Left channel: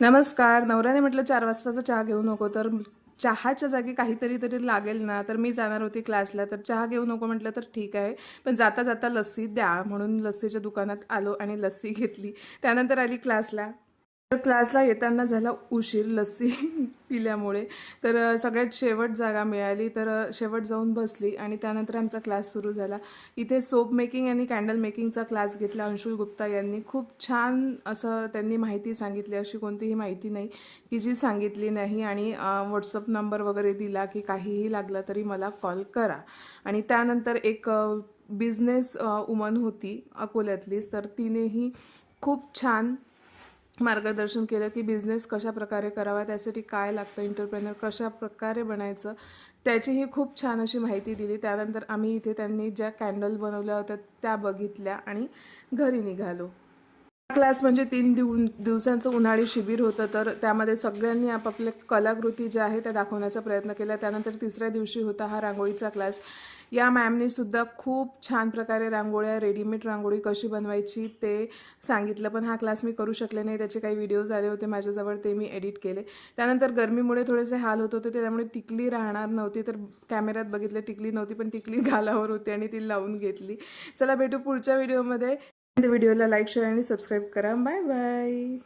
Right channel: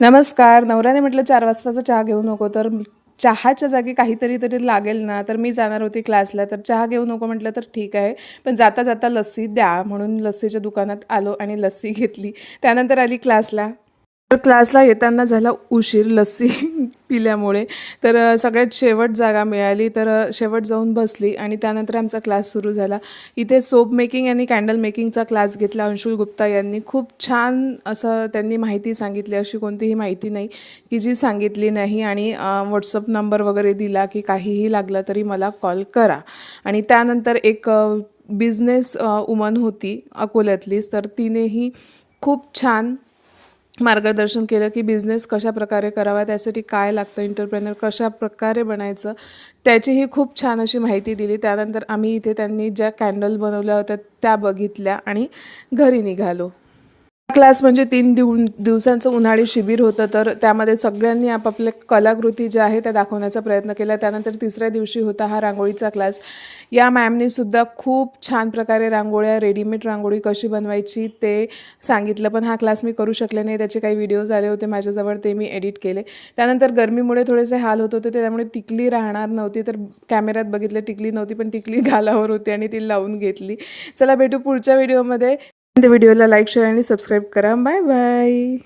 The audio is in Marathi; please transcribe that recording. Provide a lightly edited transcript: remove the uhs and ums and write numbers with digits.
नमस्कार. नवऱ्याने म्हटलं 4 वाजताचा चहा घेऊ नको, तर चहाच्या जागी काहीतरी लागेल ना, तर मी जाणार होती क्लासला. तर चहा घेऊ नको म्हटलं, तर ठीक आहे. पण जाता-जाता लस्सी द्या म्हणून लस्सीच्या दुकानात आलो आणि लस्सी घेतली. त्यानंतर आली क्लासला. तर क्लासला येताना झाला उशीर लस्सी पिल्यामुळे. तर सगळ्यात शेवट जागा मिळाली, तर शेवट जाऊन बसली आणि त्यानंतर आमचा क्लास सुरू झाला. इथे सोप मेकिंग आणि कॅन्डल मेकिंगचा क्लास घेतला अंशुल गुप्ता यांनी. खूप छान असं त्यांनी माहिती सांगितली. अशी कोणतीही माहिती नाही की जी सांगितली नाही आणि व्हॉट्सअप नंबर वगैरे दिला की काहीही लागलं तरी मला कॉल करा. आणि त्यानंतर एक बिझनेस वुमन होती अकोल्यातलीच, तर तिनेही खूप छान मार्गदर्शन केलं की बिझनेस कशाप्रकारे करावा, त्यासाठी काय लागतं, एंटरप्रेनर कशाप्रकारे बनायचं, त्याचीही खूप छान अशी माहिती दिली. त्यानंतर आम्ही इथे त्यांनी ज्या कॅन्डल बनवल्या होत्या त्या बघितल्या आणि घरी निघालो. क्लास म्हणजे 3 दिवसांचं उन्हाळी शिबिर होतं, तर त्यामध्ये सगळ्यांनी आपापल्या कलाकृती ज्या आहेत त्या दाखवण्याचा प्रयत्न केला. त्यानंतर तिसऱ्या दिवशी होता हा रांगोळीचा क्लास. या मॅमनीसुद्धा खूप छान प्रकारे रांगोळ्या, रेडीमेड रांगोळी कशी बनवायची ते सांगितलं. पण हा क्लास मी करू शकले नाही. त्याचे काही व्हिडिओज आले होते माझ्याजवळ, ते मी एडिट केले. त्यानंतर गरमीमुळे थोडेसे हाल होत होते, त्यामुळे टिकली राहणार नव्हती. तर कॅमेऱ्यात बघितलं टिकली नव्हती, पण टिकली गालावर होती आणि ती लावून घेतली. चला भेटू पुढच्या व्हिडिओमध्ये. व्हिडिओला लाईक, शेअर आणि सबस्क्राईब करा. Bye bye.